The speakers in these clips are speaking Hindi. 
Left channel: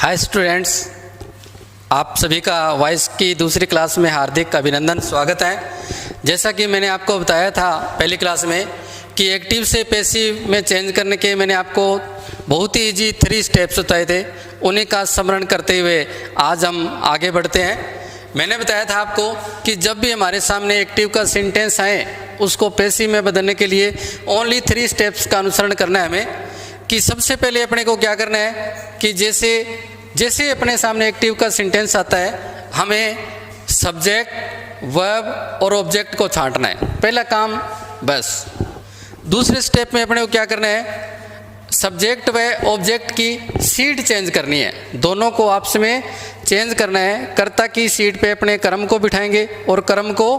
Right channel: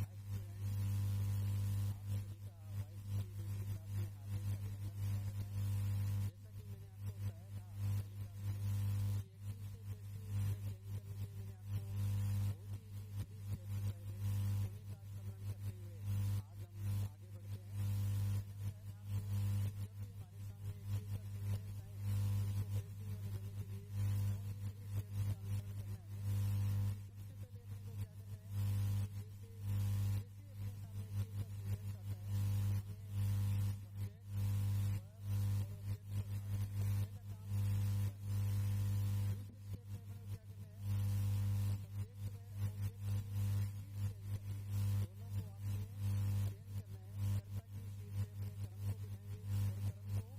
हाय स्टूडेंट्स, आप सभी का वॉइस की दूसरी क्लास में हार्दिक अभिनंदन, स्वागत है। जैसा कि मैंने आपको बताया था पहली क्लास में कि एक्टिव से पैसिव में चेंज करने के मैंने आपको बहुत ही इजी 3 स्टेप्स बताए थे। उन्हीं का स्मरण करते हुए आज हम आगे बढ़ते हैं। मैंने बताया था आपको कि जब भी हमारे सामने एक्टिव का सेंटेंस आए उसको पैसिव में बदलने के लिए ओनली 3 स्टेप्स का अनुसरण करना है हमें। कि सबसे पहले अपने को क्या करना है कि जैसे अपने सामने एक्टिव का सेंटेंस आता है हमें सब्जेक्ट, वर्ब और ऑब्जेक्ट को छांटना है, पहला काम बस। दूसरे स्टेप में अपने को क्या करना है, सब्जेक्ट व ऑब्जेक्ट की सीट चेंज करनी है, दोनों को आपस में चेंज करना है। कर्ता की सीट पे अपने कर्म को बिठाएंगे और कर्म को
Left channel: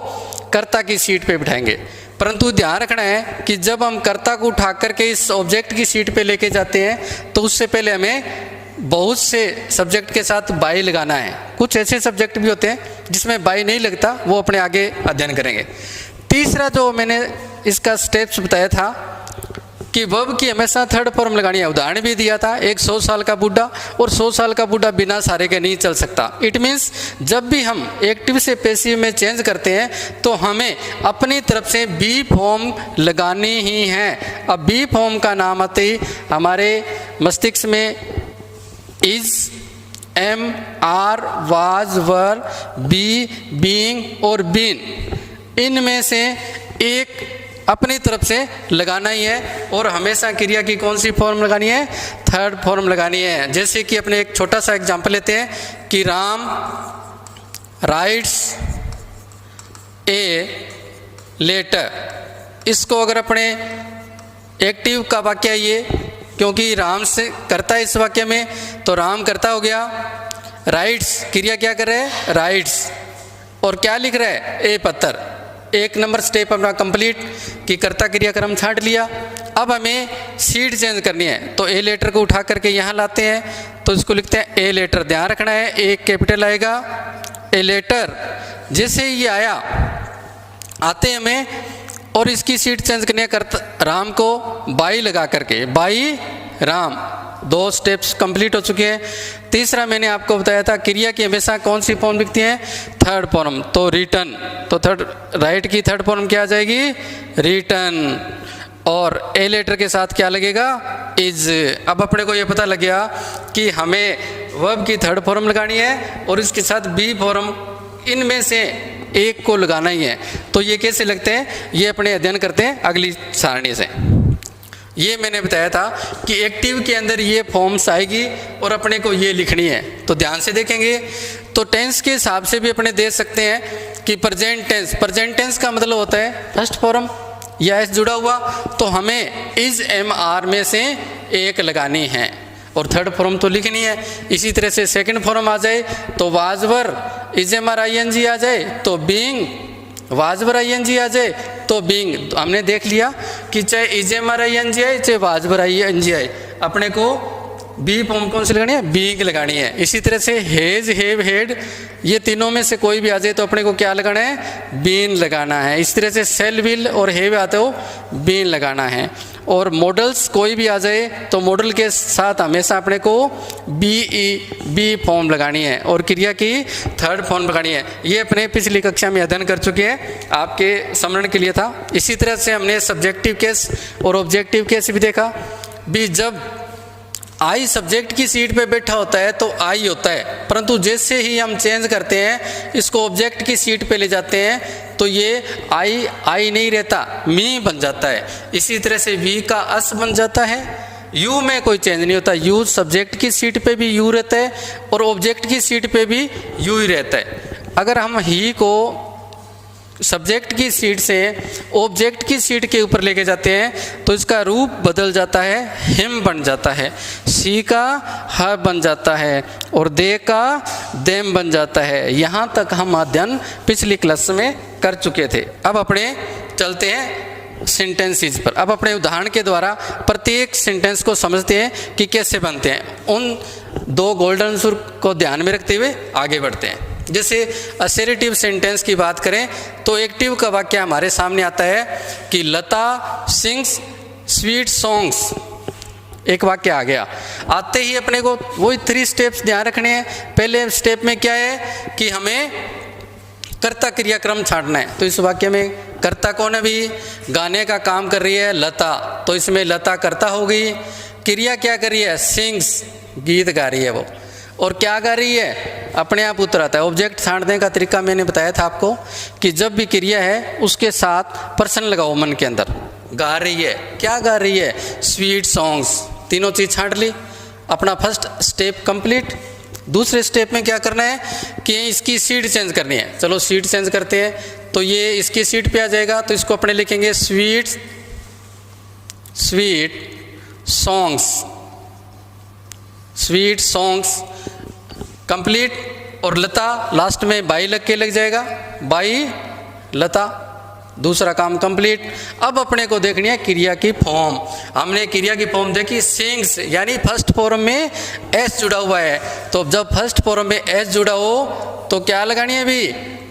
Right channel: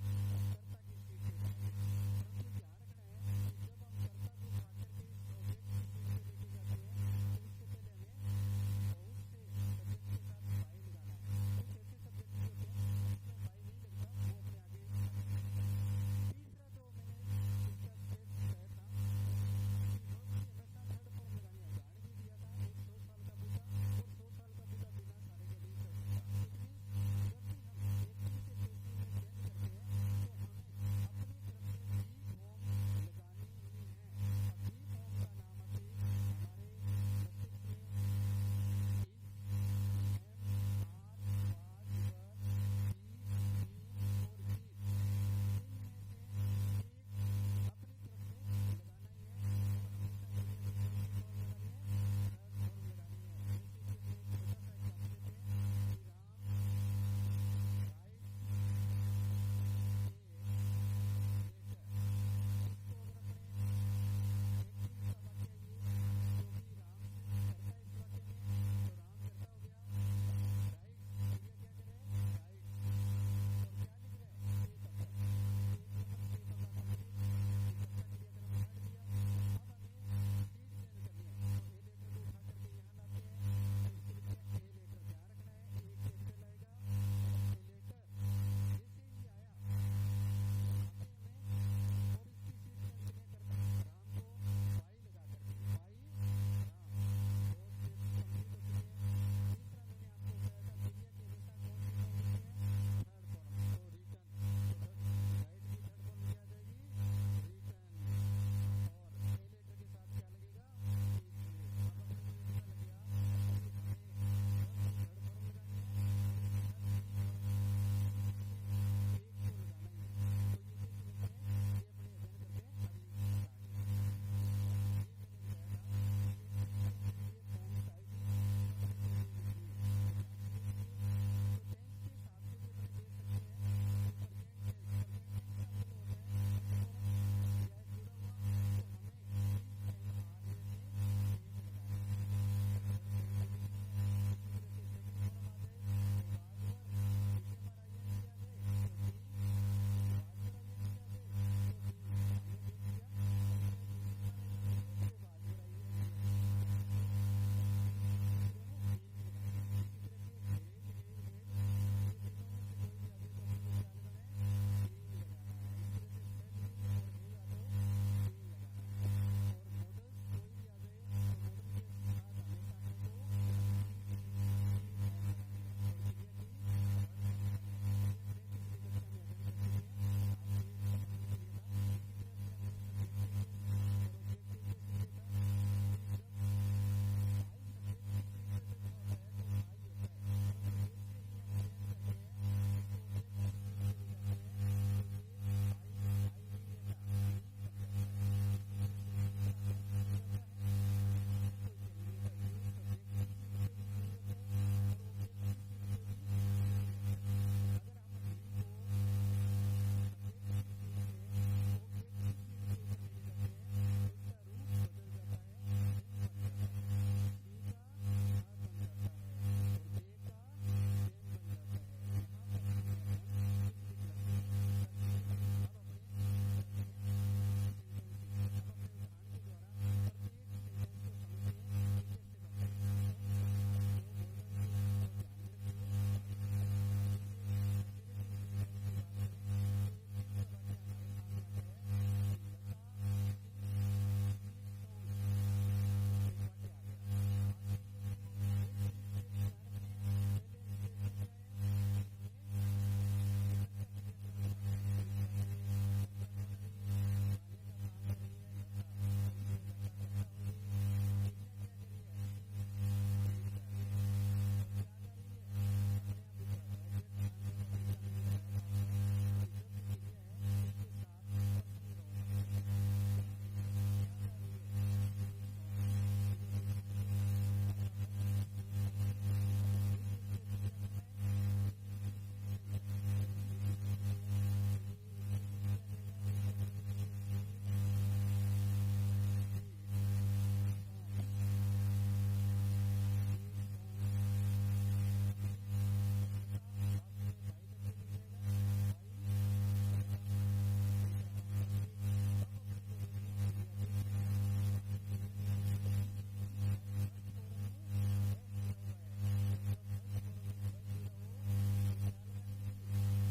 कर्ता की सीट पे बिठाएंगे। परंतु ध्यान रखना है कि जब हम कर्ता को उठा करके इस ऑब्जेक्ट की सीट पे लेके जाते हैं तो उससे पहले हमें बहुत से सब्जेक्ट के साथ बाई लगाना है। कुछ ऐसे सब्जेक्ट भी होते हैं जिसमें बाई नहीं लगता, वो अपने आगे अध्ययन करेंगे। तीसरा जो मैंने इसका स्टेप्स बताया था कि वर्ब की हमेशा थर्ड फॉर्म लगानी है। उदाहरण भी दिया था, एक 100 साल का बूढ़ा और 100 साल का बूढ़ा बिना सहारे के नहीं चल सकता। इट मीन्स जब भी हम एक्टिव से पैसिव में चेंज करते हैं तो हमें अपनी तरफ से बी फॉर्म लगानी ही है। अब बी फॉर्म का नाम आते ही हमारे मस्तिष्क में is, M, are, was, were, be, being और बीन, इनमें से एक अपनी तरफ से लगाना ही है। और हमेशा क्रिया की कौन सी फॉर्म लगानी है, थर्ड फॉर्म लगानी है। जैसे कि अपने एक छोटा सा एग्जांपल लेते हैं कि राम राइट्स ए लेटर। इसको अगर अपने एक्टिव का वाक्य है ये, क्योंकि राम से करता है इस वाक्य में, तो राम करता हो गया। राइट्स क्रिया क्या कर रहे हैं, राइट्स, और क्या लिख रहा है, ए पत्थर। एक नंबर स्टेप अपना कंप्लीट कि कर्ता क्रिया क्रम छांट लिया। अब हमें सीट चेंज करनी है तो ए लेटर को उठा करके यहाँ लाते हैं तो इसको लिखते हैं ए लेटर। ध्यान रखना है एक कैपिटल आएगा, ए लेटर। जैसे ये आया आते हैं हमें और इसकी सीट चेंज करनी है, कर्ता राम को बाई लगा करके, बाई राम। 2 स्टेप्स कंप्लीट हो चुके हैं। तीसरा मैंने आपको बताया था क्रिया की हमेशा कौन सी फॉर्म लिखती है, थर्ड फॉर्म, तो रिटर्न। तो थर्ड राइट की थर्ड फॉर्म क्या आ जाएगी, रिटर्न। और ए लेटर के साथ क्या लगेगा, इज। अब अपने को ये पता लग गया कि हमें वर्ब की थर्ड फॉर्म लगानी है और इसके साथ बी फॉर्म, इनमें से एक को लगाना ही है। तो ये कैसे लगते हैं, ये अपने अध्ययन करते हैं अगली सारणी से। ये मैंने बताया था कि एक्टिव के अंदर ये फॉर्म्स आएगी और अपने को ये लिखनी है। तो ध्यान से देखेंगे तो टेंस के हिसाब से भी अपने दे सकते हैं कि प्रेजेंट टेंस। प्रेजेंट टेंस का मतलब होता है फर्स्ट फॉर्म या एस जुड़ा हुआ, तो हमें इज, एम, आर में से एक लगानी है और थर्ड फॉर्म तो लिखनी है। इसी तरह से सेकंड फॉर्म आ जाए तो was were, is, M, R, I, N, G आ जाए तो being, was were, I, N, G आ जाए तो बीइंग। तो हमने देख लिया कि चाहे is, M, R, I, N, G आए, चाहे was were, I, N, G आए, अपने को बी फॉर्म कौन सी लगानी है, बीइंग लगानी है। इसी तरह से हेज, हैव, हैड, ये तीनों में से कोई भी आ जाए तो अपने को क्या लगाना है, बीन लगाना है। इस तरह से सेल, विल और हैव आते हो, बीन लगाना है। और मॉडल्स कोई भी आ जाए तो मॉडल के साथ हमेशा अपने को बी फॉर्म लगानी है और क्रिया की थर्ड फॉर्म लगानी है। ये अपने पिछली कक्षा में अध्ययन कर चुके हैं, आपके स्मरण के लिए था। इसी तरह से हमने सब्जेक्टिव केस और ऑब्जेक्टिव केस भी देखा। भी जब आई सब्जेक्ट की सीट पे बैठा होता है तो आई होता है, परंतु जैसे ही हम चेंज करते हैं इसको ऑब्जेक्ट की सीट पे ले जाते हैं तो ये आई नहीं रहता, मी बन जाता है। इसी तरह से वी का अस बन जाता है। यू में कोई चेंज नहीं होता, यू सब्जेक्ट की सीट पे भी यू रहता है और ऑब्जेक्ट की सीट पे भी यू ही रहता है। अगर हम ही को सब्जेक्ट की सीट से ऑब्जेक्ट की सीट के ऊपर लेके जाते हैं तो इसका रूप बदल जाता है, हिम बन जाता है, सी का ह बन जाता है और दे का देम बन जाता है। यहाँ तक हम अध्ययन पिछली क्लास में कर चुके थे। अब अपने चलते हैं सेंटेंसेस पर। अब अपने उदाहरण के द्वारा प्रत्येक सेंटेंस को समझते हैं कि कैसे बनते हैं। उन 2 गोल्डन रूल को ध्यान में रखते हुए आगे बढ़ते हैं। जैसे असर्टिव सेंटेंस की बात करें तो एक्टिव का वाक्य हमारे सामने आता है कि लता सिंग्स स्वीट सॉन्ग्स एक वाक्य आ गया। आते ही अपने को वही 3 स्टेप्स ध्यान रखने हैं। पहले स्टेप में क्या है कि हमें कर्ता क्रियाक्रम छांटना है। तो इस वाक्य में कर्ता कौन है भी? गाने का काम कर रही है लता, तो इसमें लता कर्ता होगी। क्रिया क्या कर रही है? सिंग्स, गीत गा रही है वो। और क्या गा रही है? अपने आप उत्तर आता है। ऑब्जेक्ट छांटने का तरीका मैंने बताया था आपको कि जब भी क्रिया है उसके साथ पर्सन लगाओ मन के अंदर। गा रही है, क्या गा रही है? Sweet songs. तीनों चीज छांट ली, अपना फर्स्ट स्टेप कंप्लीट। दूसरे स्टेप में क्या करना है कि इसकी सीट चेंज करनी है। चलो सीट चेंज करते हैं, तो ये इसकी सीट पे आ जाएगा, तो इसको अपने लिखेंगे sweet songs, sweet songs complete. और लता लास्ट में बाई लग के लग जाएगा, बाई लता, दूसरा काम कंप्लीट। अब अपने को देखनी है क्रिया की फॉर्म। हमने क्रिया की फॉर्म देखी सिंग्स, यानी फर्स्ट फॉर्म में एस जुड़ा हुआ है, तो जब फर्स्ट फॉर्म में एस जुड़ा हो तो क्या लगानी है भी?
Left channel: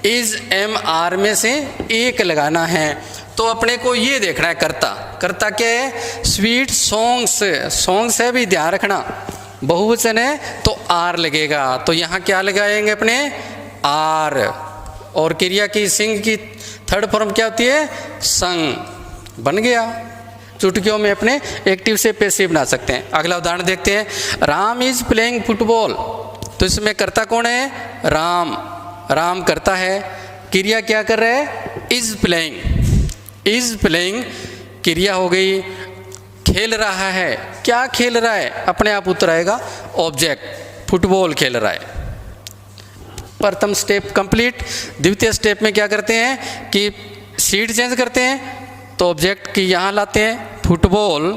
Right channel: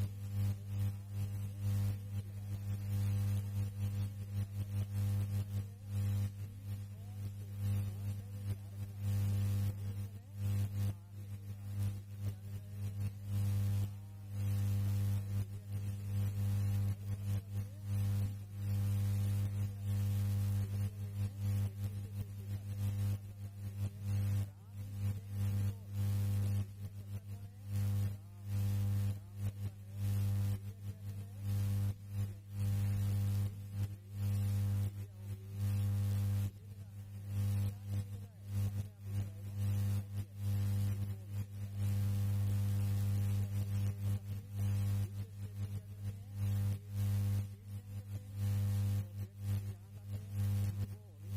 इज एम आर में से एक लगाना है। तो अपने को ये देखना है कर्ता। कर्ता क्या है? स्वीट सॉन्ग्स, सॉन्ग्स है भी, ध्यान रखना बहुवचन है तो आर लगेगा। तो यहाँ क्या लगाएंगे अपने? आर। और क्रिया की सिंग की थर्ड फॉर्म क्या होती है? संग। बन गया। चुटकियों में अपने एक्टिव से पैसिव बना सकते हैं। अगला उदाहरण देखते हैं। राम इज प्लेइंग फुटबॉल, तो इसमें कर्ता कौन है? राम। राम करता है, क्रिया क्या कर रहा है? Is playing. इज प्लेइंग क्रिया हो गई। खेल रहा है, क्या खेल रहा है? अपने आप उत्तर आएगा ऑब्जेक्ट, फुटबॉल खेल रहा है। प्रथम स्टेप कंप्लीट। द्वितीय स्टेप में क्या करते हैं कि सीट चेंज करते हैं, तो ऑब्जेक्ट की यहां लाते हैं फुटबॉल,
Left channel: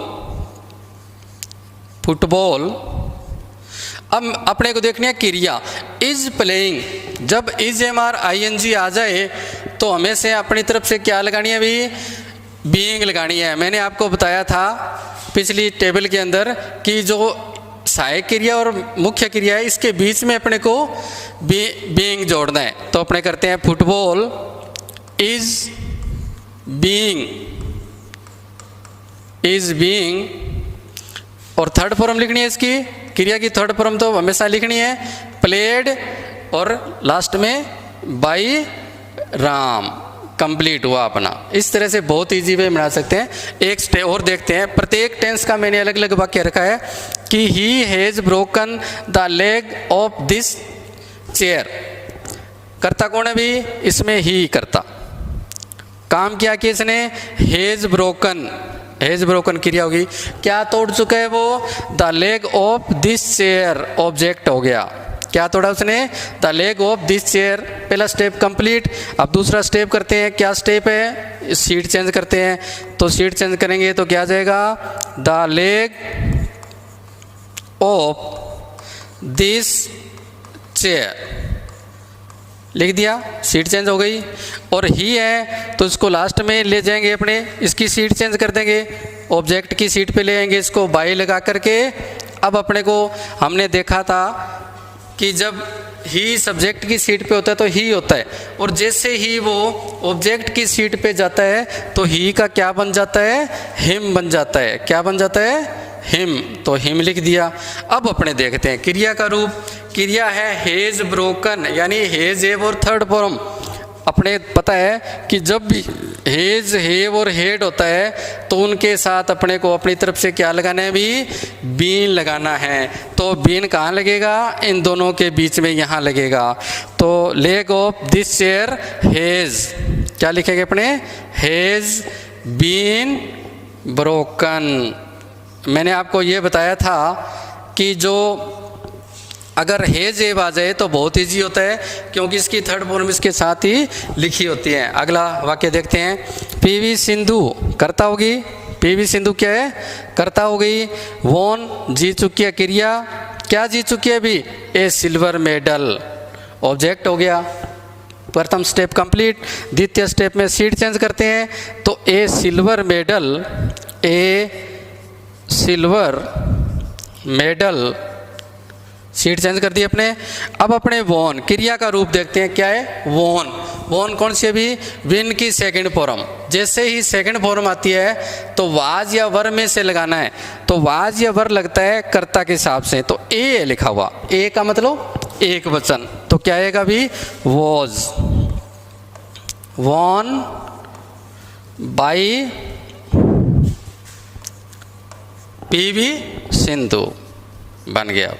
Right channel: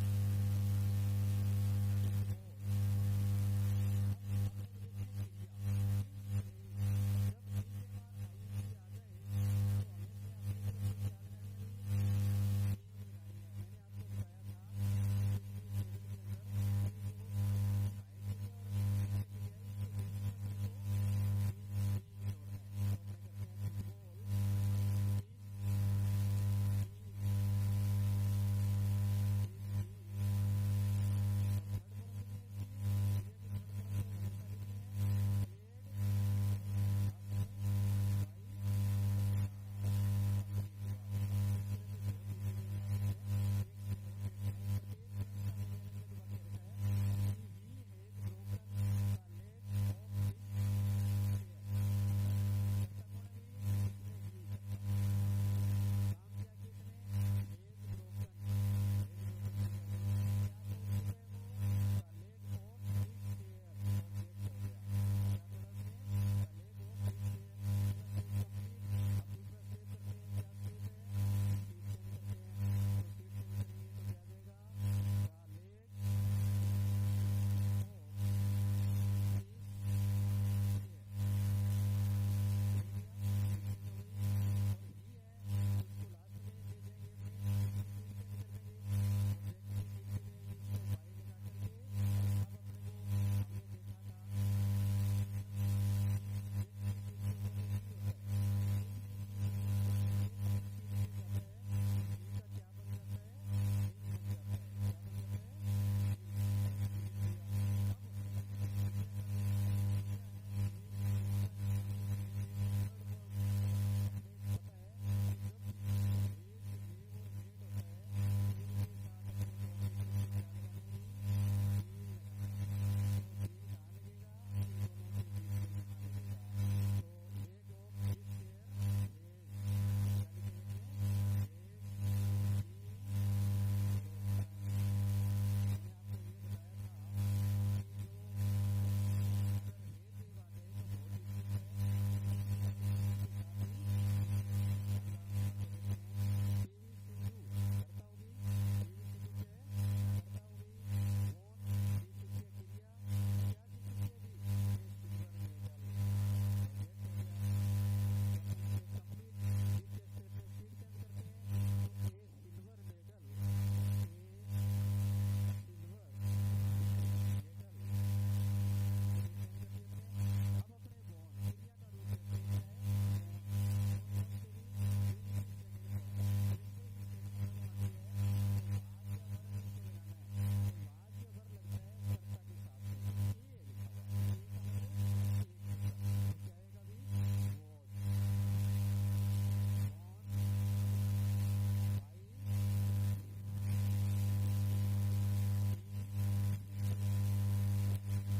फुटबॉल। अब अपने को देखनी है क्रिया इज प्लेइंग। जब is M R I N G आ जाए तो हमें से अपनी तरफ से क्या लगानी है भी? बीइंग लगानी है। मैंने आपको बताया था पिछली टेबल के अंदर कि जो सहायक क्रिया और मुख्य क्रिया है इसके बीच में अपने को बीइंग जोड़ना है। तो अपने करते हैं football is being, is being. और थर्ड फॉर्म लिखनी है इसकी, क्रिया की थर्ड फॉर्म तो हमेशा लिखनी है प्लेड और लास्ट में बाई राम। कंप्लीट हुआ अपना। इस तरह से बहुत इजी वे बना सकते हैं। एक स्टेप और देखते हैं। प्रत्येक टेंस का मैंने अलग अलग वाक्य रखा है कि he has broken the leg of this chair. करता कौन है भी? इसमें ही करता। काम किया कि इसने हैज ब्रोकन, हैज ब्रोकन क्रिया होगी। क्या तोड़ चुका है वो? The leg of this chair, object हो गया। क्या तोड़ा उसने? The leg of this chair. पहला स्टेप कंप्लीट। अब दूसरा स्टेप करते हैं। क्या स्टेप है? सीट चेंज करते हैं। तो सीट चेंज करेंगे तो क्या आ जाएगा? The leg of this chair लिख दिया, सीट चेंज हो गई। और ही है तो इसको लास्ट में ले जाएंगे अपने, इसकी सीट चेंज कर देंगे, ऑब्जेक्ट की सीट पे ले आएंगे इसको बाई लगा करके। अब अपने को हमने देखा था कि जब ही सब्जेक्ट की सीट पे होता है तो ही होता है, और जैसे ही वो ऑब्जेक्ट की सीट पे जाता है तो ही का क्या बन जाता है? हिम बन जाता है। क्या बन जाता है? हिम। तो हिम लिख दिया। अब अपने देखते हैं क्रिया का रूप। क्रिया है हेज ब्रोकन, यानी हेज हेव और थर्ड फॉर्म। अपने पता है कि जब भी हेज हेव और हेड होता है तो उनके साथ अपने को अपनी तरफ से क्या लगाना है भी? बीन लगाना है। तो बीन कहाँ लगेगा? इन दोनों के बीच में यहाँ लगेगा। तो leg of this chair has, क्या लिखेंगे अपने? Has been broken. मैंने आपको ये बताया था कि जो अगर हेज एव आ जाए तो बहुत ईजी होता है, क्योंकि इसकी थर्ड फॉर्म इसके साथ ही लिखी होती है। अगला वाक्य देखते हैं। पीवी सिंधु कर्ता होगी। पीवी सिंधु क्या है? कर्ता हो गई। वॉन जीत चुकी है, क्रिया क्या जीत चुकी है भी? ए सिल्वर मेडल, ऑब्जेक्ट हो गया। प्रथम स्टेप कंप्लीट। द्वितीय स्टेप में सीट चेंज करते हैं तो ए सिल्वर मेडल, ए सिल्वर मेडल, सीट चेंज कर दी अपने। अब अपने वॉन क्रिया का रूप देखते हैं। क्या है? वॉन। वॉन कौन सी है भी? विन की सेकंड फॉर्म। जैसे ही सेकंड फॉर्म आती है तो वाज या वर में से लगाना है, तो वाज या वर लगता है कर्ता के हिसाब से, तो ए लिखा हुआ, ए का मतलब एक वचन, तो क्या आएगा अभी, was, won by PV Sindhu बन गया।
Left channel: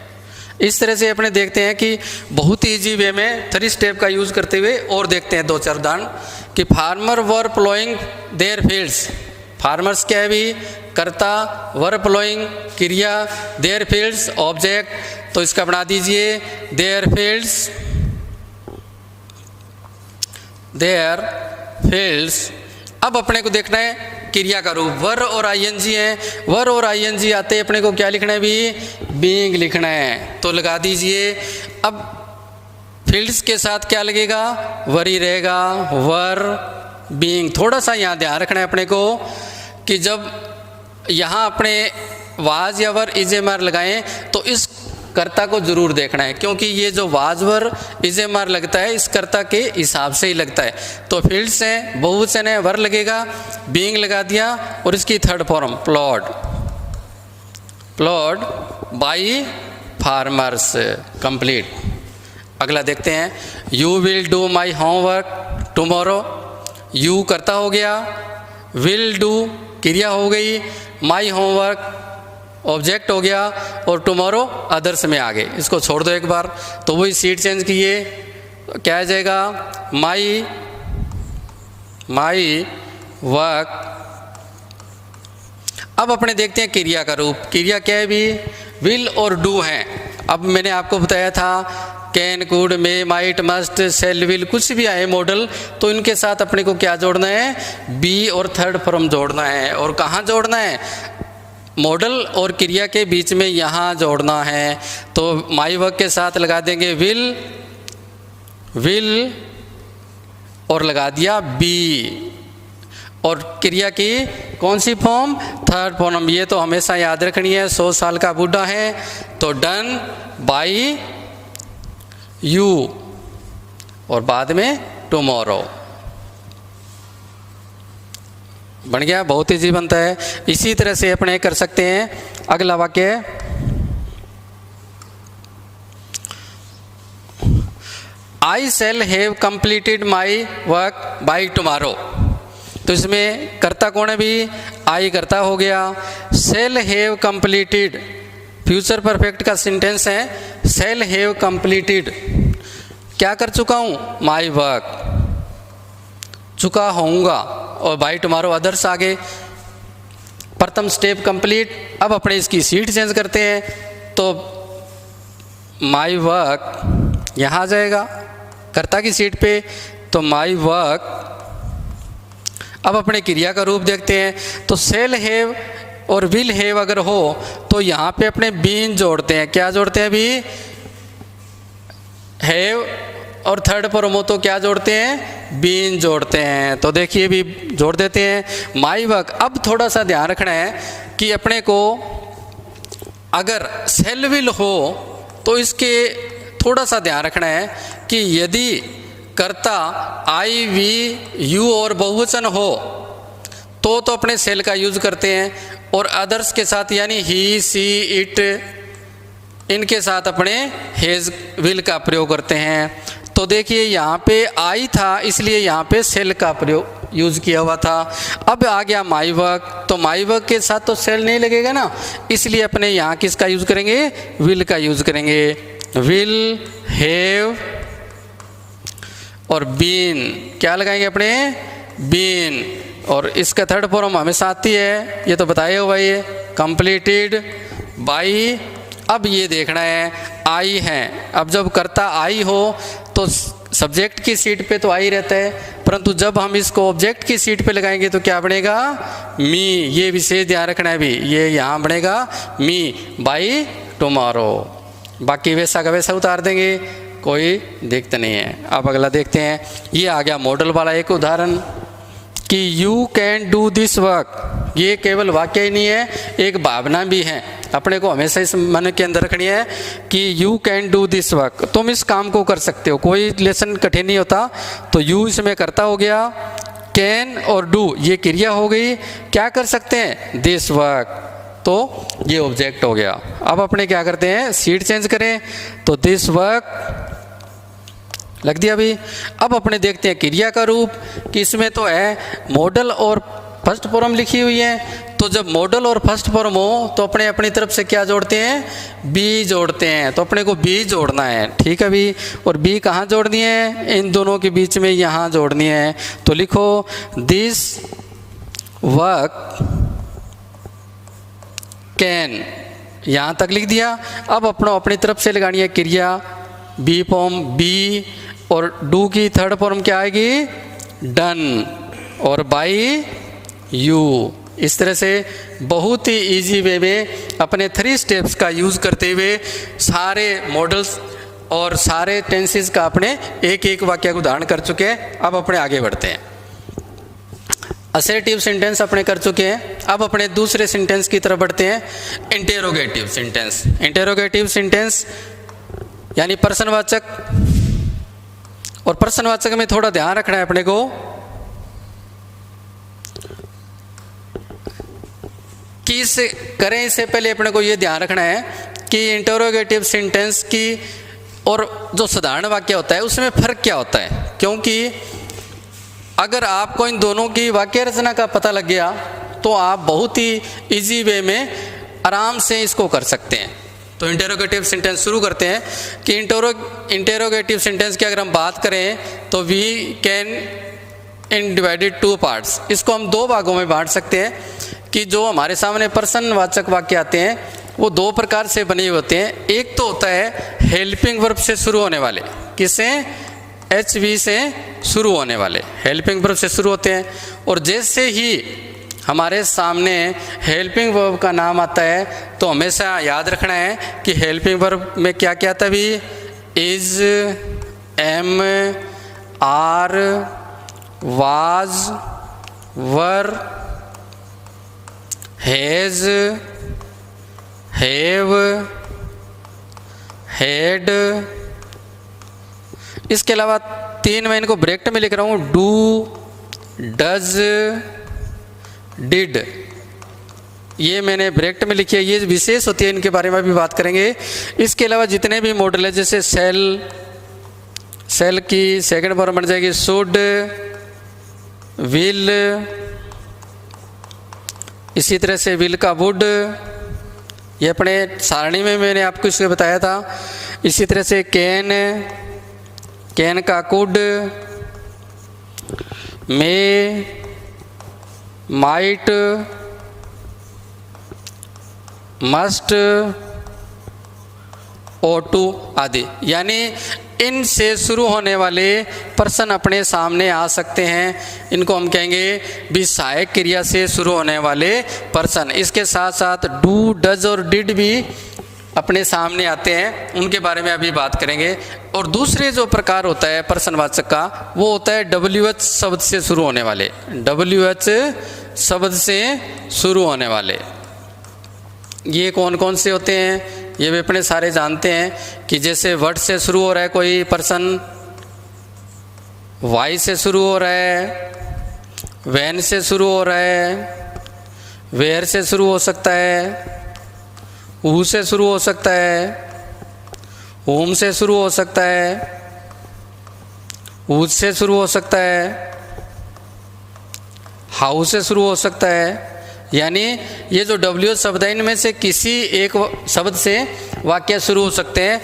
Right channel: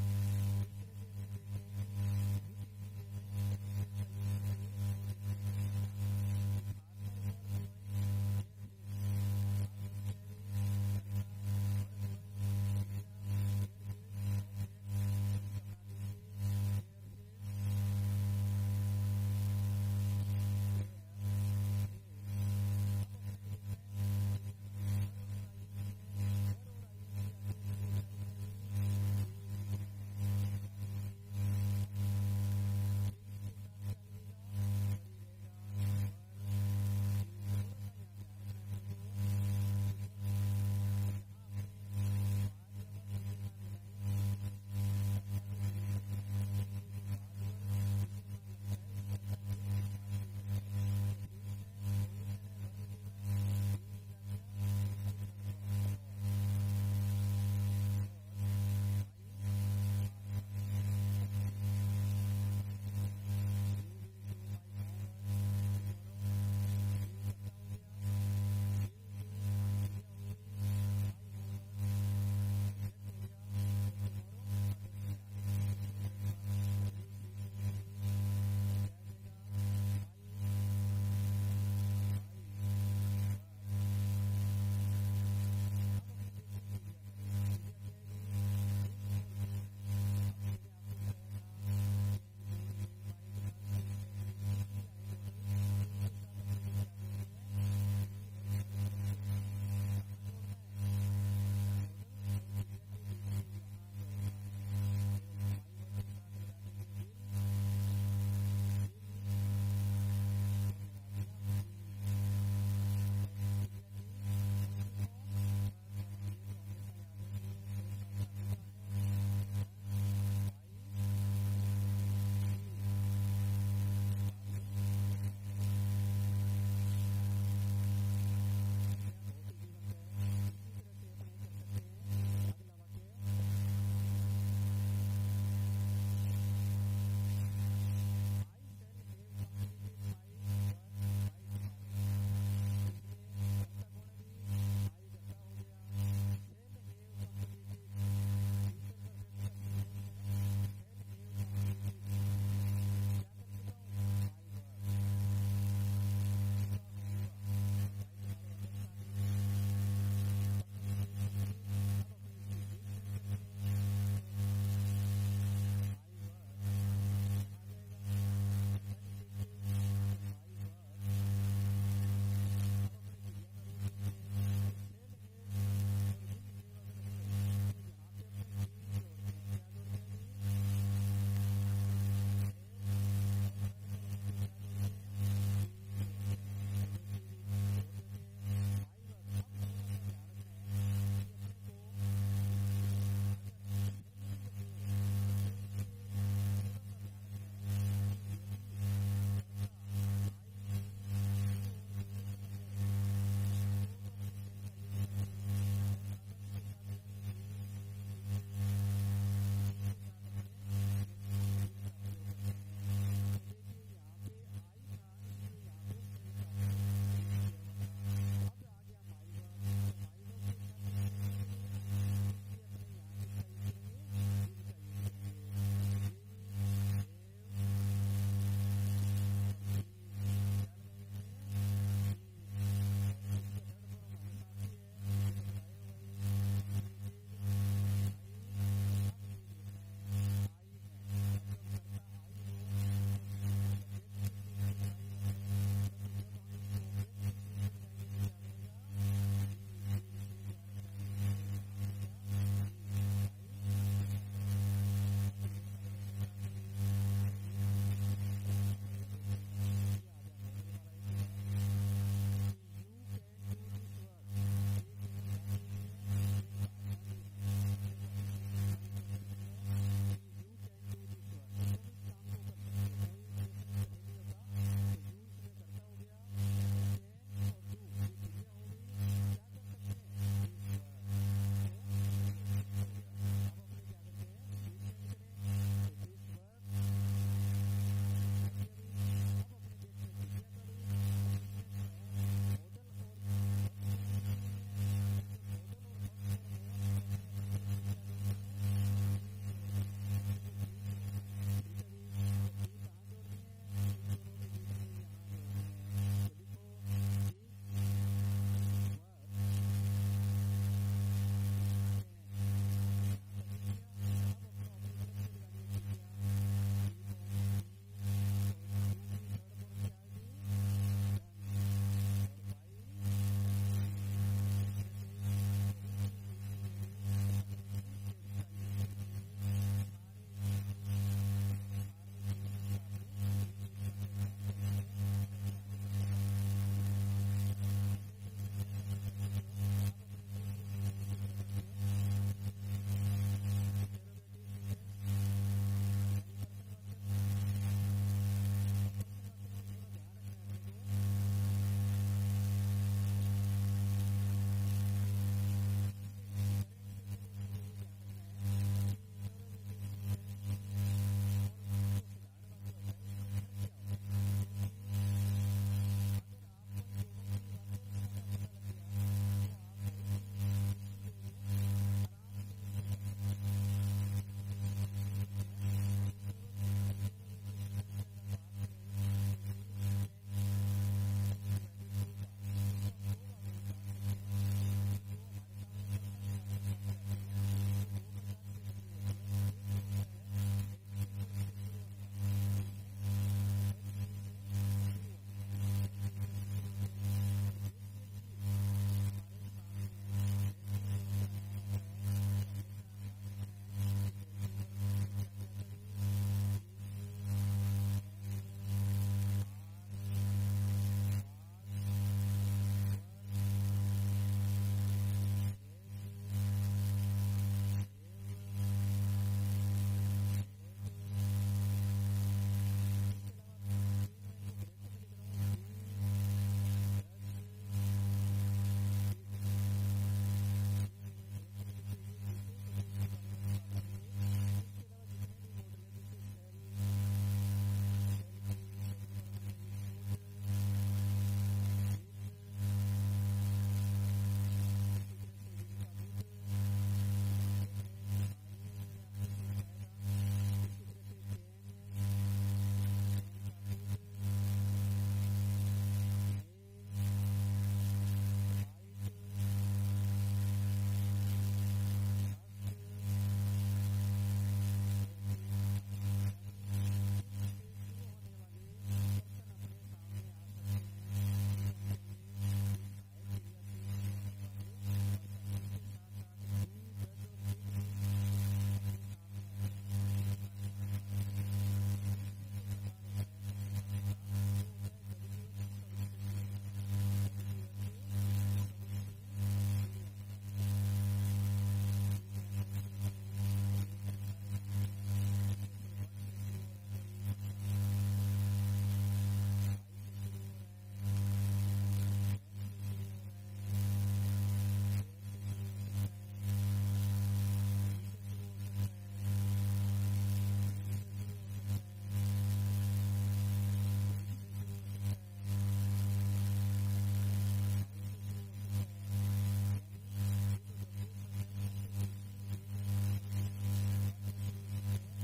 इस तरह से अपने देखते हैं कि बहुत ईजी वे में 3 स्टेप का यूज करते हुए और देखते हैं 2-4 उदाहरण कि farmer were ploughing there fields, farmers क्या है भी, कर्ता, वर प्लोइंग क्रिया, देयर फील्ड्स ऑब्जेक्ट, तो इसका बना दीजिए देयर फील्ड्स, देयर फील्ड्स। अब अपने को देखना है क्रिया का रूप, वर और आईएनजी है, वर और आईएनजी आते अपने को क्या लिखना है भी, बीइंग लिखना है, तो लगा दीजिए। अब फील्ड्स के साथ क्या लगेगा, वर ही रहेगा, वर बीइंग। थोड़ा सा यहाँ ध्यान रखना है अपने को कि जब यहाँ अपने वाज या वर इज एम आर लगाएं तो इस कर्ता को जरूर देखना है, क्योंकि ये जो was were is M are लगता है इस कर्ता के हिसाब से ही लगता है। तो फील्ड्स हैं, बहुवचन है, वर लगेगा, बीइंग लगा दिया, और इसकी third form plot, plot by farmers, complete. अगला देखते हैं, you will do my homework tomorrow, you कर्ता हो गया, विल डू क्रिया हो गई, माई होमवर्क ऑब्जेक्ट हो गया, और टुमारो अदर्स में आ गए। इसको छोड़ दो एक बार, तो वही सीट चेंज किए, क्या आ जाएगा, माई वर्क। अब अपने देखते हैं क्रिया का रूप, क्रिया क्या है भी, विल और डू हैं। अब मैंने आपको बताया था can, could, may, might, must, shall, will, कुछ भी आए मॉडल, तो इनके साथ अपने को क्या जोड़ना है, बी और थर्ड फॉर्म जोड़ना है। और कहाँ जोड़ना है, मॉडल और क्रिया के बीच में यहाँ जोड़ना है। तो माई वर्क के साथ लगा देंगे विल, विल और लगा दिया बी, और क्रिया की कौन सी फॉर्म, थर्ड फॉर्म। ये तो हमेशा याद रखनी है, 100 साल का बूढ़ा है, तो डन बाई यू, और बाद में टुमारो बन गया, बहुत ईजी बनता है। इसी तरह से अपने कर सकते हैं। अगला वाक्य, I shall have completed my work by tomorrow, तो इसमें कर्ता कौन है भी, आई कर्ता हो गया, शैल हैव कंप्लीटेड फ्यूचर परफेक्ट का सेंटेंस है, शैल हैव कंप्लीटेड क्या कर चुका हूँ, माई वर्क, चुका होऊंगा, और बाई टुमारो अदर्स आगे। प्रथम स्टेप कंप्लीट। अब अपने इसकी सीट चेंज करते हैं, तो माई वर्क यहाँ आ जाएगा कर्ता की सीट पे, तो माई वर्क। अब अपने क्रिया का रूप देखते हैं, तो सेल हैव और विल हैव अगर हो तो यहाँ पे अपने बीन जोड़ते हैं, क्या जोड़ते हैं अभी, हैव, और थर्ड फॉर्म हो तो क्या जोड़ते हैं, बीन जोड़ते हैं। तो देखिए भी जोड़ देते हैं माई वर्क। अब थोड़ा सा ध्यान रखना है कि अपने को अगर सेल विल हो तो इसके थोड़ा सा ध्यान रखना है कि यदि कर्ता आई, वी, यू और बहुवचन हो तो अपने सेल का यूज करते हैं, और अदर्स के साथ यानी ही, सी, इट, इनके साथ अपने हेज, विल का प्रयोग करते हैं। तो देखिए यहाँ पे आई था इसलिए यहाँ पे सेल का प्रयोग यूज किया हुआ था। अब आ गया माई वर्क, तो माई वर्क के साथ तो सेल नहीं लगेगा ना, इसलिए अपने यहाँ किसका यूज करेंगे, विल का यूज करेंगे, विल हैव, और बीन क्या लगाएंगे अपने, बीन, और इसका थर्ड फॉर्म हमेशा आती है, ये तो बताया हुआ ये कंप्लीटेड बाई। अब ये देखना है आई है, अब जब कर्ता आई हो तो सब्जेक्ट की सीट पे तो आई रहता है, परंतु जब हम इसको ऑब्जेक्ट की सीट पे लगाएंगे तो क्या बनेगा, मी। ये विशेष ध्यान रखना है भी, ये यहाँ बनेगा मी बाई टुमारो। बाकी वैसा का वैसा उतार देंगे, कोई दिक्कत नहीं है। अब अगला देखते हैं, ये आ गया मॉडल वाला एक उदाहरण कि you can do this work. ये केवल वाक्य ही नहीं है, एक भावना भी है, अपने को हमेशा इस मन के अंदर रखनी है कि you can do this work, तुम इस काम को कर सकते हो, कोई लेसन कठिन नहीं होता। तो यू इसमें करता हो गया, कैन और डू ये क्रिया हो गई, क्या कर सकते हैं, दिस वर्क, तो ये ऑब्जेक्ट हो गया। अब अपने क्या करते हैं, सीट चेंज करें, तो दिस वर्क लग दिया अभी। अब अपने देखते हैं क्रिया का रूप कि इसमें तो है मॉडल और फर्स्ट फॉर्म लिखी हुई है, तो जब मॉडल और फर्स्ट फॉर्म हो तो अपने अपनी तरफ से क्या जोड़ते हैं, बी जोड़ते हैं, तो अपने को बी जोड़ना है, ठीक है बी। और बी कहाँ जोड़नी है, इन दोनों के बीच में यहाँ जोड़नी है, तो लिखो दिस वर्क कैन, यहाँ तक लिख दिया। अब अपनी तरफ से लगानी है क्रिया, बी फॉर्म बी, और डू की थर्ड फॉर्म क्या आएगी, डन, और बाई यू। इस तरह से बहुत ही इजी वे में अपने 3 स्टेप्स का यूज़ करते हुए सारे मॉडल्स और सारे टेंसेस का अपने एक एक वाक्य को उदाहरण कर चुके हैं। अब अपने आगे बढ़ते हैं। असर्टिव सेंटेंस अपने कर चुके हैं, अब अपने दूसरे सेंटेंस की तरफ बढ़ते हैं, इंटेरोगेटिव सेंटेंस। इंटेरोगेटिव सेंटेंस यानी प्रश्नवाचक, और प्रश्नवाचक में थोड़ा ध्यान रखना है अपने को कि इसे करें इससे पहले अपने को ये ध्यान रखना है कि इंटेरोगेटिव सेंटेंस की और जो साधारण वाक्य होता है उसमें फ़र्क क्या होता है, क्योंकि अगर आपको इन दोनों की वाक्य रचना का पता लग गया तो आप बहुत ही इजी वे में आराम से इसको कर सकते हैं। तो इंटेरोगेटिव सेंटेंस शुरू करते हैं कि इंटेरोगेटिव सेंटेंस की अगर हम बात करें तो we can in divided 2 parts, इसको हम 2 भागों में बांट सकते हैं कि जो हमारे सामने प्रश्नवाचक वाक्य आते हैं वो 2 प्रकार से बने होते हैं। एक तो होता है हेल्पिंग वर्ब से शुरू होने वाले, किससे, HV से शुरू होने वाले, हेल्पिंग वर्ब से शुरू होते हैं। और जैसे ही हमारे सामने हेल्पिंग वर्ब का नाम आता है तो हमेशा याद रखना है कि हेल्पिंग वर्ब में क्या क्या आता है भी, is, M, are, was, were, has, have, had. इसके अलावा 3 मैं इनको ब्रैकेट में लिख रहा हूँ, डू, डज, डिड, ये मैंने ब्रैकेट में लिखी है, ये विशेष होती है, इनके बारे में भी बात करेंगे। इसके अलावा जितने भी मॉडल है जैसे सेल, सेल की सेकंड फॉर्म बन जाएगी शुड, विल, इसी तरह से विल का वुड, ये अपने सारणी में मैंने आपको इसको बताया था। इसी तरह से कैन, कैन का कुड, मे, माइट, मस्ट, और टू आदि, यानी इनसे शुरू होने वाले प्रश्न अपने सामने आ सकते हैं। इनको हम कहेंगे भी सहायक क्रिया से शुरू होने वाले प्रश्न। इसके साथ साथ डू, डज और डिड भी अपने सामने आते हैं, उनके बारे में अभी बात करेंगे। और दूसरे जो प्रकार होता है प्रश्नवाचक का वो होता है WH शब्द से शुरू होने वाले, WH शब्द से शुरू होने वाले। ये कौन कौन से होते हैं, ये भी अपने सारे जानते हैं कि जैसे वर्ड से शुरू हो रहा है कोई पर्सन, वाई से शुरू हो रहा है, वैन से शुरू हो रहा है, वेयर से शुरू हो सकता है, हु से शुरू हो सकता है, होम से शुरू हो सकता है, हुज से शुरू हो सकता है, हाउ से शुरू हो सकता है। यानी ये जो WH शब्द है इनमें से किसी एक शब्द से वाक्य शुरू हो सकते हैं,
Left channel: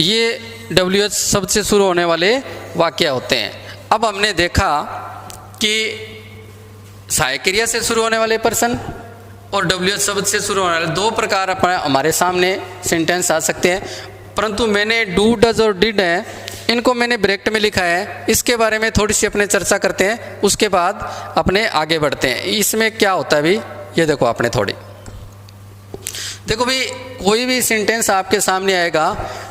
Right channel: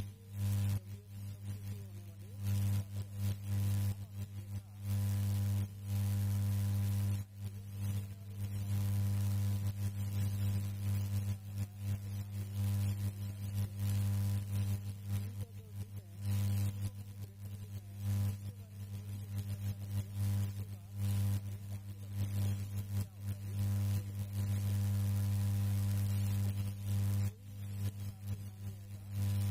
ये WH शब्द से शुरू होने वाले वाक्य होते हैं। अब हमने देखा कि सहायक क्रिया से शुरू होने वाले प्रश्न और WH शब्द से शुरू होने वाले 2 प्रकार हमारे सामने सेंटेंस आ सकते हैं। परंतु मैंने डू, डज और डिड है इनको मैंने ब्रैकेट में लिखा है, इसके बारे में थोड़ी सी अपने चर्चा करते हैं, उसके बाद अपने आगे बढ़ते हैं। इसमें क्या होता है भाई, ये देखो आपने थोड़ी देखो भाई, कोई भी सेंटेंस आपके सामने आएगा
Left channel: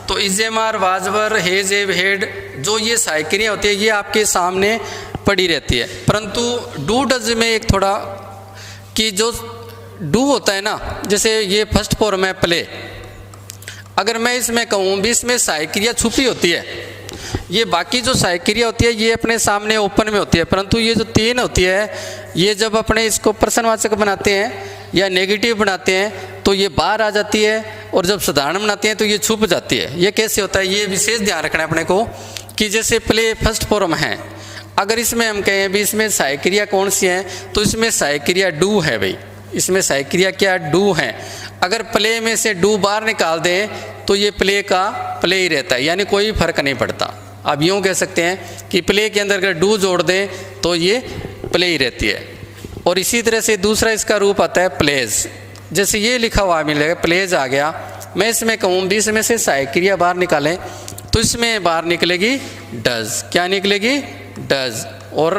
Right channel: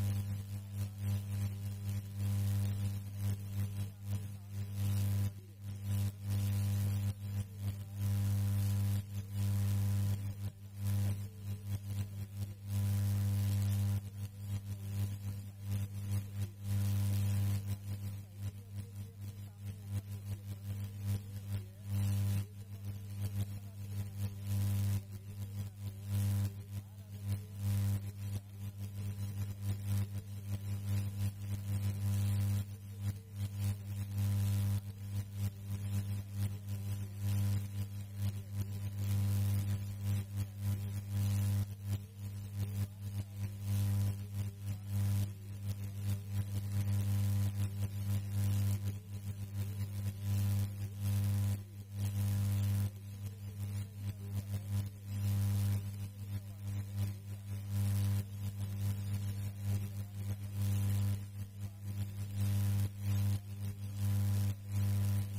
तो इजेमार, वाजवर, हेज, एव, हेड, जो ये सहायक क्रिया होती है ये आपके सामने पड़ी रहती है। परंतु डू, डज में एक थोड़ा कि जो डू होता है ना, जैसे ये फर्स्ट फॉर्म है प्ले, अगर मैं इसमें कहूँ भी इसमें सहायक क्रिया छुपी होती है, ये बाकी जो सहायक क्रिया होती है ये अपने सामने ओपन में होती है, परंतु ये जो 3 होती है ये जब अपने इसको प्रश्नवाचक बनाते हैं या नेगेटिव बनाते हैं तो ये बाहर आ जाती है, और जब साधारण बनाते हैं तो ये छुप जाती है। ये कैसे होता है, ये विशेष ध्यान रखना है अपने को कि जैसे प्ले फर्स्ट फॉर्म है, अगर इसमें हम कहें भी इसमें सहायक क्रिया कौन सी है, तो इसमें सहायक क्रिया डू है भाई, इसमें सहायक क्रिया क्या डू है। अगर प्ले में से डू बाहर निकाल दें तो ये प्ले का प्ले ही रहता है, यानी कोई फर्क नहीं पड़ता। आप यूँ कह सकते हैं कि प्ले के अंदर अगर डू जोड़ दें तो ये प्ले ही रहती है। और इसी तरह से दूसरा इसका रूप आता है प्लेज, जैसे ये लिखा हुआ मिलेगा प्लेज आ गया, मैं इसमें कहूँ भी इसमें से सहायक क्रिया बाहर निकालें तो इसमें बाहर निकलेगी डज, क्या निकलेगी डज, और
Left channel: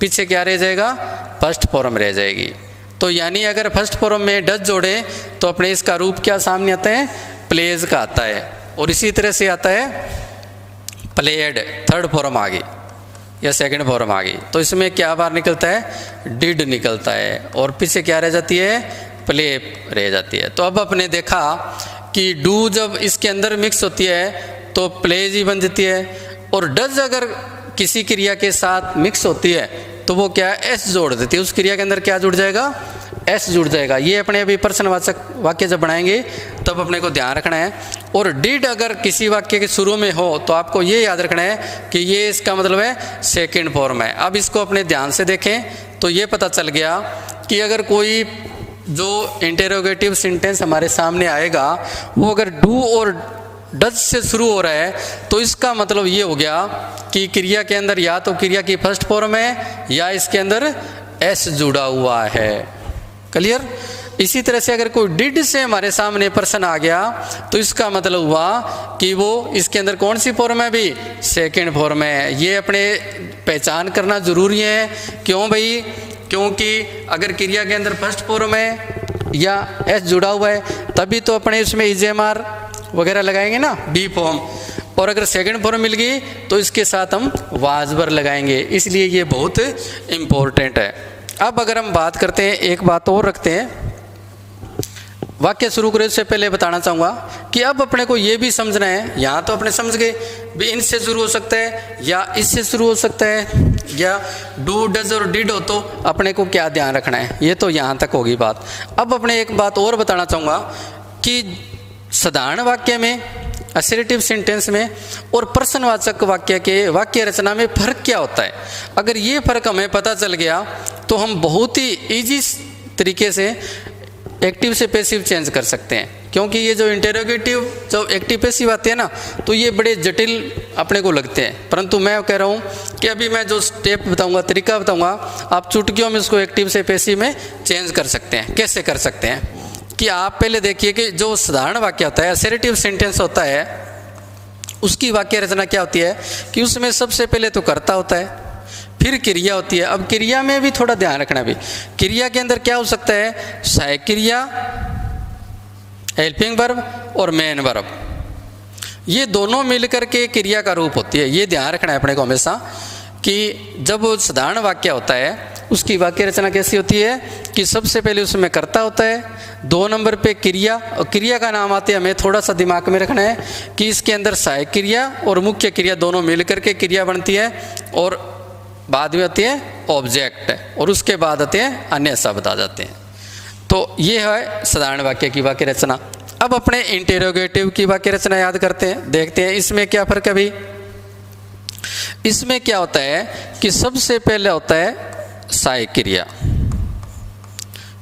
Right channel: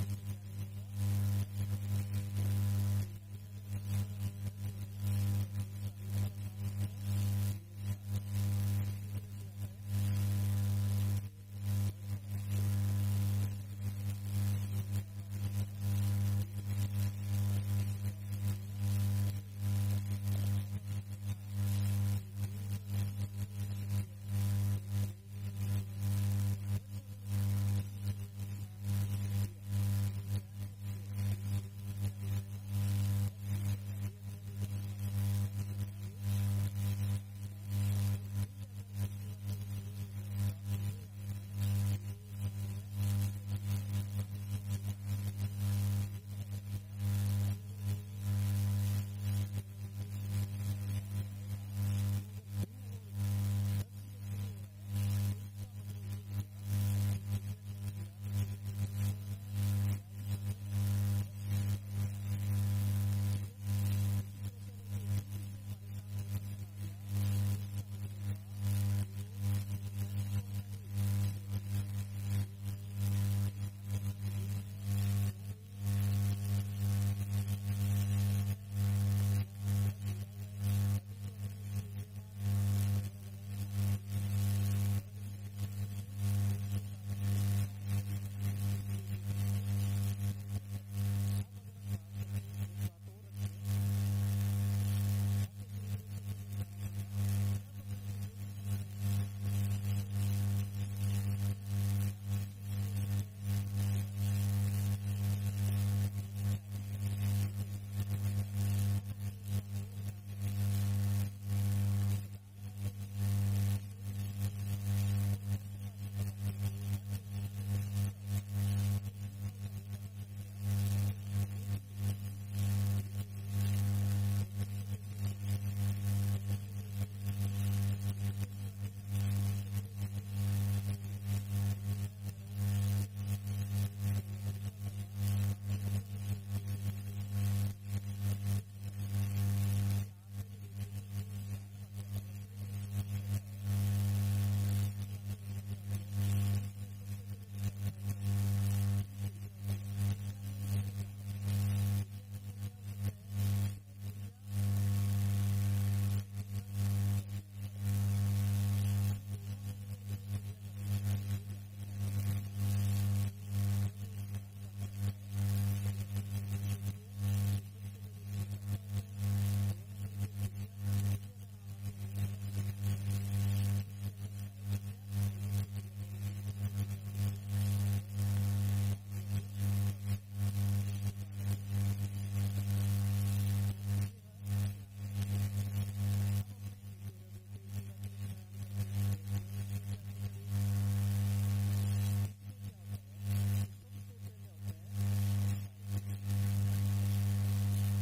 पीछे क्या रह जाएगा फर्स्ट फॉर्म रह जाएगी। तो यानी अगर फर्स्ट फॉर्म में डज जोड़े तो अपने इसका रूप क्या सामने आता है प्लेज का आता है। और इसी तरह से आता है प्लेड, थर्ड फॉर्म आ गई या सेकंड फॉर्म आ गई, तो इसमें क्या बाहर निकलता है डिड निकलता है, और पीछे क्या रह जाती है प्ले रह जाती है। तो अब अपने देखा कि डू जब इसके अंदर मिक्स होती है तो प्लेज ही बन जाती है, और डज अगर किसी क्रिया के साथ मिक्स होती है तो वो क्या एस जोड़ देती है, उस क्रिया के अंदर क्या जुड़ जाएगा एस जुड़ जाएगा। ये अपने अभी प्रश्नवाचक वाक्य जब बनाएंगे तब अपने को ध्यान रखना है। और डिड अगर किसी वाक्य के शुरू में हो तो आपको ये याद रखना है कि ये इसका मतलब है सेकंड फॉर्म है। अब इसको अपने ध्यान से देखें तो ये पता चल गया कि अगर कोई जो इंटेरोगेटिव सेंटेंस हमारे सामने आएगा वो अगर डू और डज से शुरू हो रहा है तो इसका मतलब ये हो गया कि क्रिया के अंदर या तो क्रिया की फर्स्ट फॉर्म है या इसके अंदर एस जुड़ा हुआ है। क्लियर। इसी तरह से अगर कोई डिड से हमारे सामने प्रश्न आ गया तो इसका मतलब हुआ कि वो इसके अंदर कौन सी फॉर्म है भी सेकंड फॉर्म है। ये अपने पहचान करना जरूरी है। क्यों भाई, क्योंकि अगर क्रिया के अंदर फर्स्ट फॉर्म है या एस जुड़ा हुआ है तभी तो अपने इसमें इजेमार वगैरह लगाएंगे ना बी फॉर्म, और अगर सेकंड फॉर्म मिल गई तो इसके साथ हम वाजबर लगाएंगे, इसलिए ये बहुत इम्पोर्टेंट है। अब अगर हम बात करते हैं, एक बात और रखते हैं, वाक्य शुरू करने से पहले बताना चाहूँगा कि अब अपने को ये भी समझना है, यहाँ तो अपने समझ गए भी इनसे शुरू हो सकता है या इससे शुरू हो सकता है या डू डज और डिड हो, तो अपने को क्या ध्यान रखना है, ये तो यहाँ तक होगी बात। अब अपने एक बात और बताना चाहूँगा कि साधारण वाक्य में, असर्टिव सेंटेंस में और प्रश्नवाचक वाक्य के वाक्य रचना में फ़र्क क्या होता है। अगर ये फ़र्क हमें पता चल गया तो हम बहुत ही ईजी तरीके से एक्टिव से पैसिव चेंज कर सकते हैं। क्योंकि ये जो इंटेरोगेटिव जो एक्टिव पैसिव आते हैं ना तो ये बड़े जटिल अपने को लगते हैं, परंतु मैं कह रहा हूँ कि अभी मैं जो स्टेप बताऊँगा, तरीका बताऊँगा, आप चुटकियों में उसको एक्टिव से पैसिव में चेंज कर सकते हैं। कैसे कर सकते हैं कि आप पहले देखिए कि जो साधारण वाक्य होता है, असर्टिव सेंटेंस होता है, उसकी वाक्य रचना क्या होती है कि उसमें सबसे पहले तो कर्ता होता है, फिर क्रिया होती है। अब क्रिया में भी थोड़ा ध्यान रखना भी, क्रिया के अंदर क्या हो सकता है, सहायक क्रिया, हेल्पिंग वर्ब और मेन वर्ब, ये दोनों मिलकर के क्रिया का रूप होती है। ये ध्यान रखना है अपने को हमेशा कि जब साधारण वाक्य होता है उसकी वाक्य रचना कैसी होती है कि सबसे पहले उसमें कर्ता होता है, 2 नंबर पे क्रिया, और क्रिया का नाम आते हमें थोड़ा सा दिमाग में रखना है कि इसके अंदर सहायक क्रिया और मुख्य क्रिया दोनों मिलकर के क्रिया बनती है, और बाद में आती है ऑब्जेक्ट, और उसके बाद आते हैं अन्य शब्द आ जाते हैं। तो ये है साधारण वाक्य की वाक्य रचना। अब अपने इंटेरोगेटिव की वाक्य रचना याद करते हैं, देखते हैं इसमें क्या फर्क है भाई। इसमें क्या होता है कि सबसे पहले होता है सहायक क्रिया,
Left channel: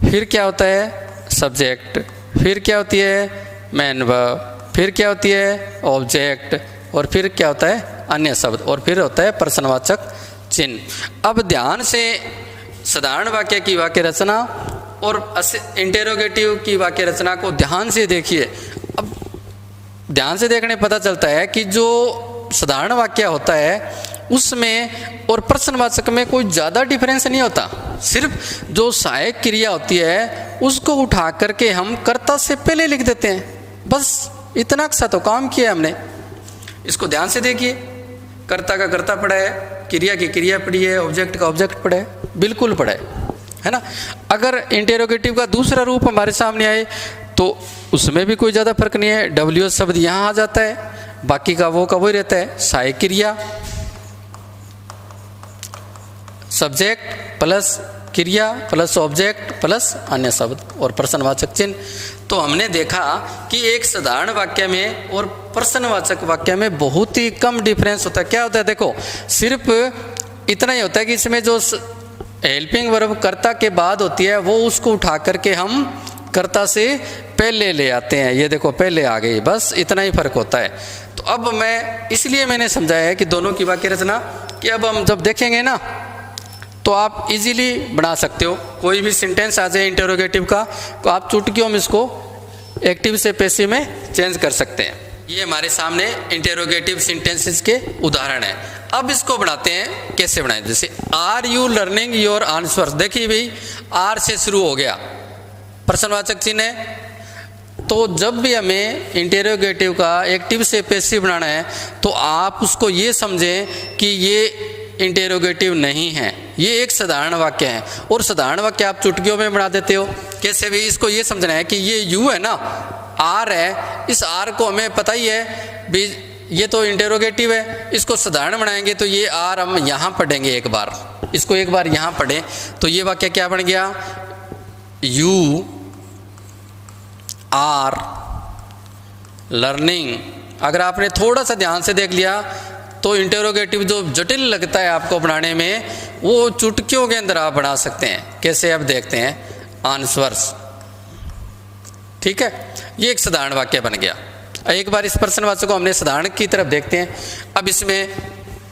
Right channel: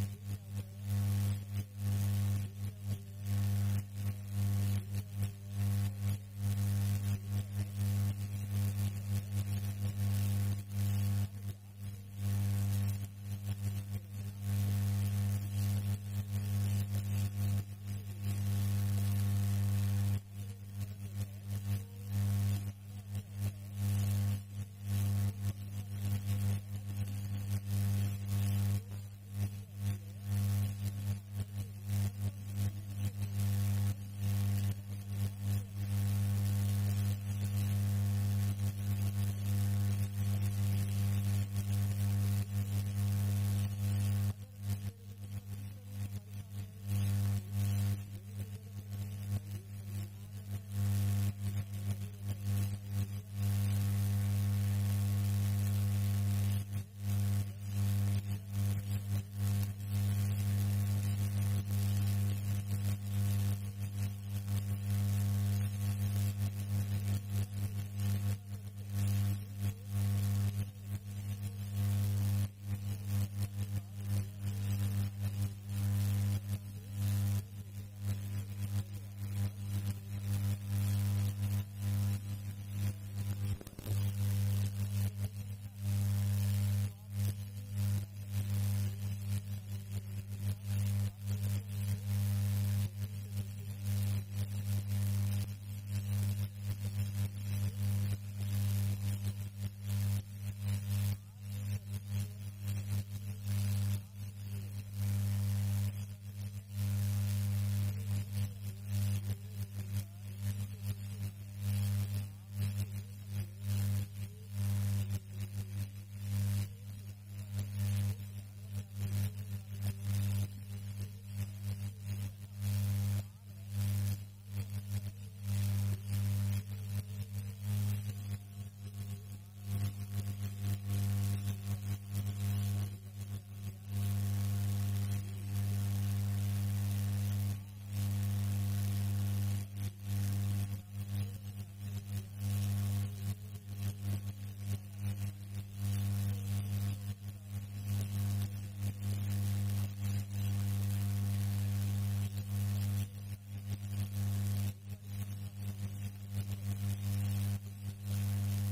फिर क्या होता है सब्जेक्ट, फिर क्या होती है मेन वर्ब, फिर क्या होती है ऑब्जेक्ट, और फिर क्या होता है अन्य शब्द, और फिर होता है प्रश्नवाचक चिन्ह। अब ध्यान से साधारण वाक्य की वाक्य रचना और इंटेरोगेटिव की वाक्य रचना को ध्यान से देखिए। अब ध्यान से देखने पता चलता है कि जो साधारण वाक्य होता है उसमें और प्रश्नवाचक में कोई ज़्यादा डिफरेंस नहीं होता, सिर्फ जो सहायक क्रिया होती है उसको उठा करके हम कर्ता से पहले लिख देते हैं, बस इतना सा तो काम किया हमने। इसको ध्यान से देखिए, कर्ता का कर्ता पड़ा है, क्रिया की क्रिया पड़ी है, ऑब्जेक्ट का ऑब्जेक्ट पड़ा है, बिल्कुल पड़ा है ना। अगर इंटेरोगेटिव का दूसरा रूप हमारे सामने आए तो उसमें भी कोई ज़्यादा फर्क नहीं है, डब्ल्यू शब्द यहाँ आ जाता है, बाकी का वो रहता है सहायक क्रिया, सब्जेक्ट प्लस क्रिया प्लस ऑब्जेक्ट प्लस अन्य शब्द और प्रश्नवाचक चिन्ह। तो हमने देखा कि एक साधारण वाक्य में और प्रश्नवाचक वाक्य में बहुत ही कम डिफरेंस होता है। क्या होता है, देखो सिर्फ इतना ही होता है कि इसमें जो हेल्पिंग वर्ब कर्ता के बाद होती है वो उसको उठा करके हम कर्ता से पहले ले आते हैं। ये देखो पहले आ गई, बस इतना ही फर्क होता है। तो अब मैं इसलिए मैंने समझाया है कि दोनों की वाक्य रचना कि अब हम जब देखेंगे ना तो आप इजीली बना सकते हो। कोई भी सेंटेंस आ जाए इंटरोगेटिव का तो आप चुटकियों में इसको एक्टिव से पैसिव में चेंज कर सकते हैं। ये हमारे सामने इंटरोगेटिव सेंटेंसेस के उदाहरण है। अब इसको बनाते हैं, कैसे बनाएं। जैसे are you learning your answers, देखिए भाई आर से शुरू हो गया, प्रश्नवाचक चिन्ह है। तो जब भी हमें इंटरोगेटिव का एक्टिव से पैसिव बनाना है तो आप उसको ये समझें कि ये इंटेरोगेटिव नहीं है, ये एक साधारण वाक्य है। और साधारण वाक्य आप चुटकियों में बना देते हो। कैसे भी, इसको ये समझना है कि ये यू है ना, आर है, इस आर को हमें पता ही है भी ये तो इंटेरोगेटिव है। इसको साधारण बनाएंगे तो ये आर हम यहाँ पढ़ेंगे, एक बार इसको एक बार यहाँ पढ़ें तो ये वाक्य क्या बन गया, यू आर लर्निंग। अगर आपने थोड़ा सा ध्यान से देख लिया तो इंटरोगेटिव जो जटिल लगता है आपको बनाने में वो चुटकियों के अंदर आप बना सकते हैं। कैसे, अब देखते हैं आंसर्स। ठीक है, ये एक साधारण वाक्य बन गया। एक बार इस प्रश्नवाचक को हमने साधारण की तरफ देखते हैं। अब इसमें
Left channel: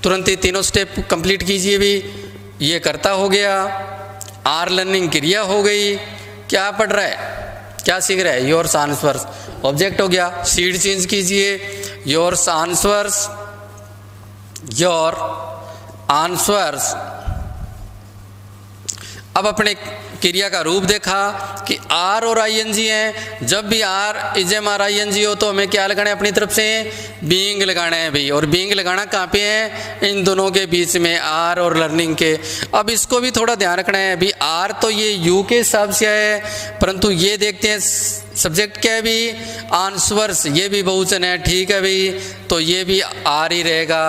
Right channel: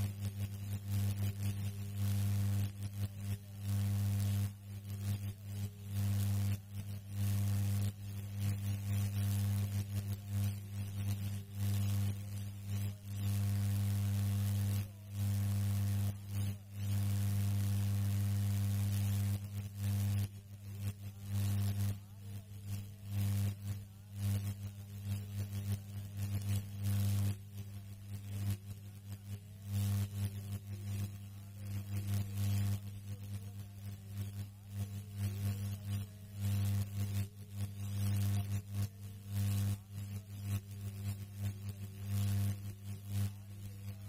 तुरंत ही तीनों स्टेप कंप्लीट कीजिए भी। ये कर्ता हो गया, आर लर्निंग क्रिया हो गई, क्या पढ़ रहा है, क्या सीख रहा है, योर्स आंसर्स ऑब्जेक्ट हो गया। सीड चेंज कीजिए, योर्स आंसर्स, योर आंसर्स। अब अपने क्रिया का रूप देखा कि आर और आईएनजी हैं। जब भी आर इजम आर आईएनजी हो तो हमें क्या लगाना है अपनी तरफ से, बीइंग लगाना है भाई। और बीइंग लगाना कहाँ पे है, इन दोनों के बीच में, आर और लर्निंग के। अब इसको भी थोड़ा ध्यान रखना है भी, आर तो ये यू के हिसाब से है, परंतु ये देखते हैं सब्जेक्ट क्या है भी, आंसर्स, ये भी बहुवचन है। ठीक है भाई, तो ये भी आर ही रहेगा,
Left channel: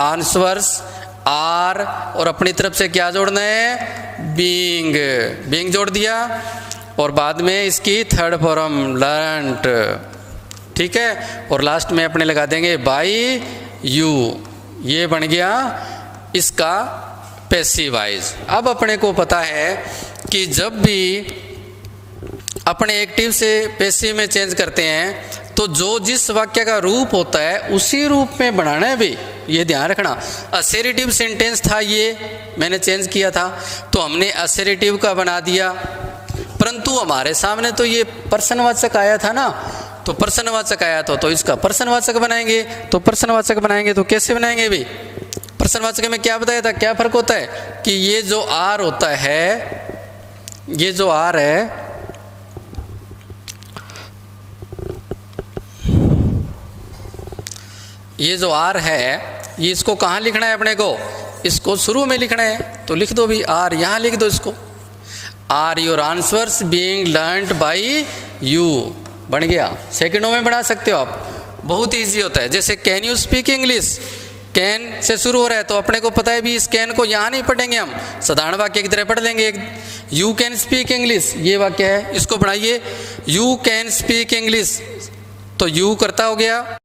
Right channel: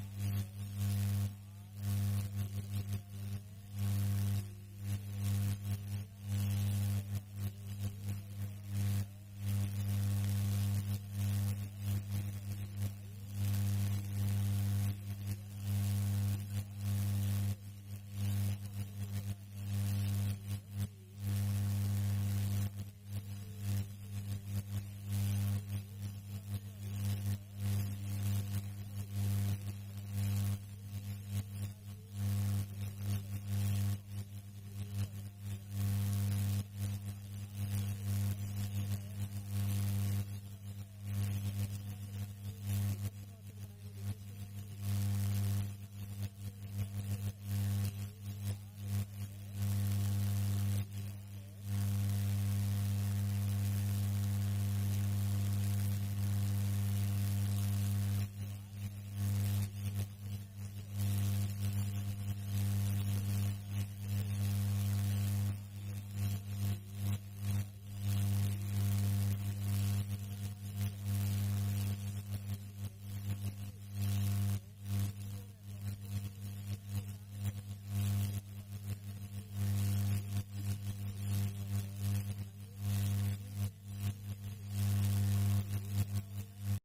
आंसर्स आर। और अपनी तरफ से क्या जोड़ना है, बीइंग, बीइंग जोड़ दिया। और बाद में इसकी थर्ड फॉर्म लर्नड। ठीक है, और लास्ट में अपने लगा देंगे बाय यू। ये बन गया इसका पैसिव वॉइस। अब अपने को पता है कि जब भी अपने एक्टिव से पैसिव में चेंज करते हैं तो जो जिस वाक्य का रूप होता है उसी रूप में बनाना है भी, ये ध्यान रखना। असेरिटिव सेंटेंस था, ये मैंने चेंज किया था तो हमने असेरिटिव का बना दिया, परंतु हमारे सामने तो ये प्रश्नवाचक आया था ना, तो प्रश्नवाचक आया तो इसका प्रश्नवाचक बनाएंगे। तो प्रश्नवाचक बनाएंगे तो कैसे बनाएंगे भी, प्रश्नवाचक में क्या बताया था, क्या फर्क होता है कि ये जो आर होता है, ये जो आर है, ये जो आर है, ये इसको कहाँ लिखना है अपने को, इसको शुरू में लिखना है। तो लिख दो भी आर, यहाँ लिख दो इसको, are your answers being learned by you, बन गया। सेकंडों में बना सकते हो आप, बहुत इजी होता है। जैसे can you speak English, can say शुरू हो रहा है तो अपने को पता है भी इस कैन को यहाँ नहीं पढ़ेंगे हम, साधारण वाक्य की तरह पढ़ लेंगे। यू कैन स्पीक इंग्लिश, ये वाक्य है, इसको बनाइए यू कैन स्पीक इंग्लिश, तो यू करता हो गया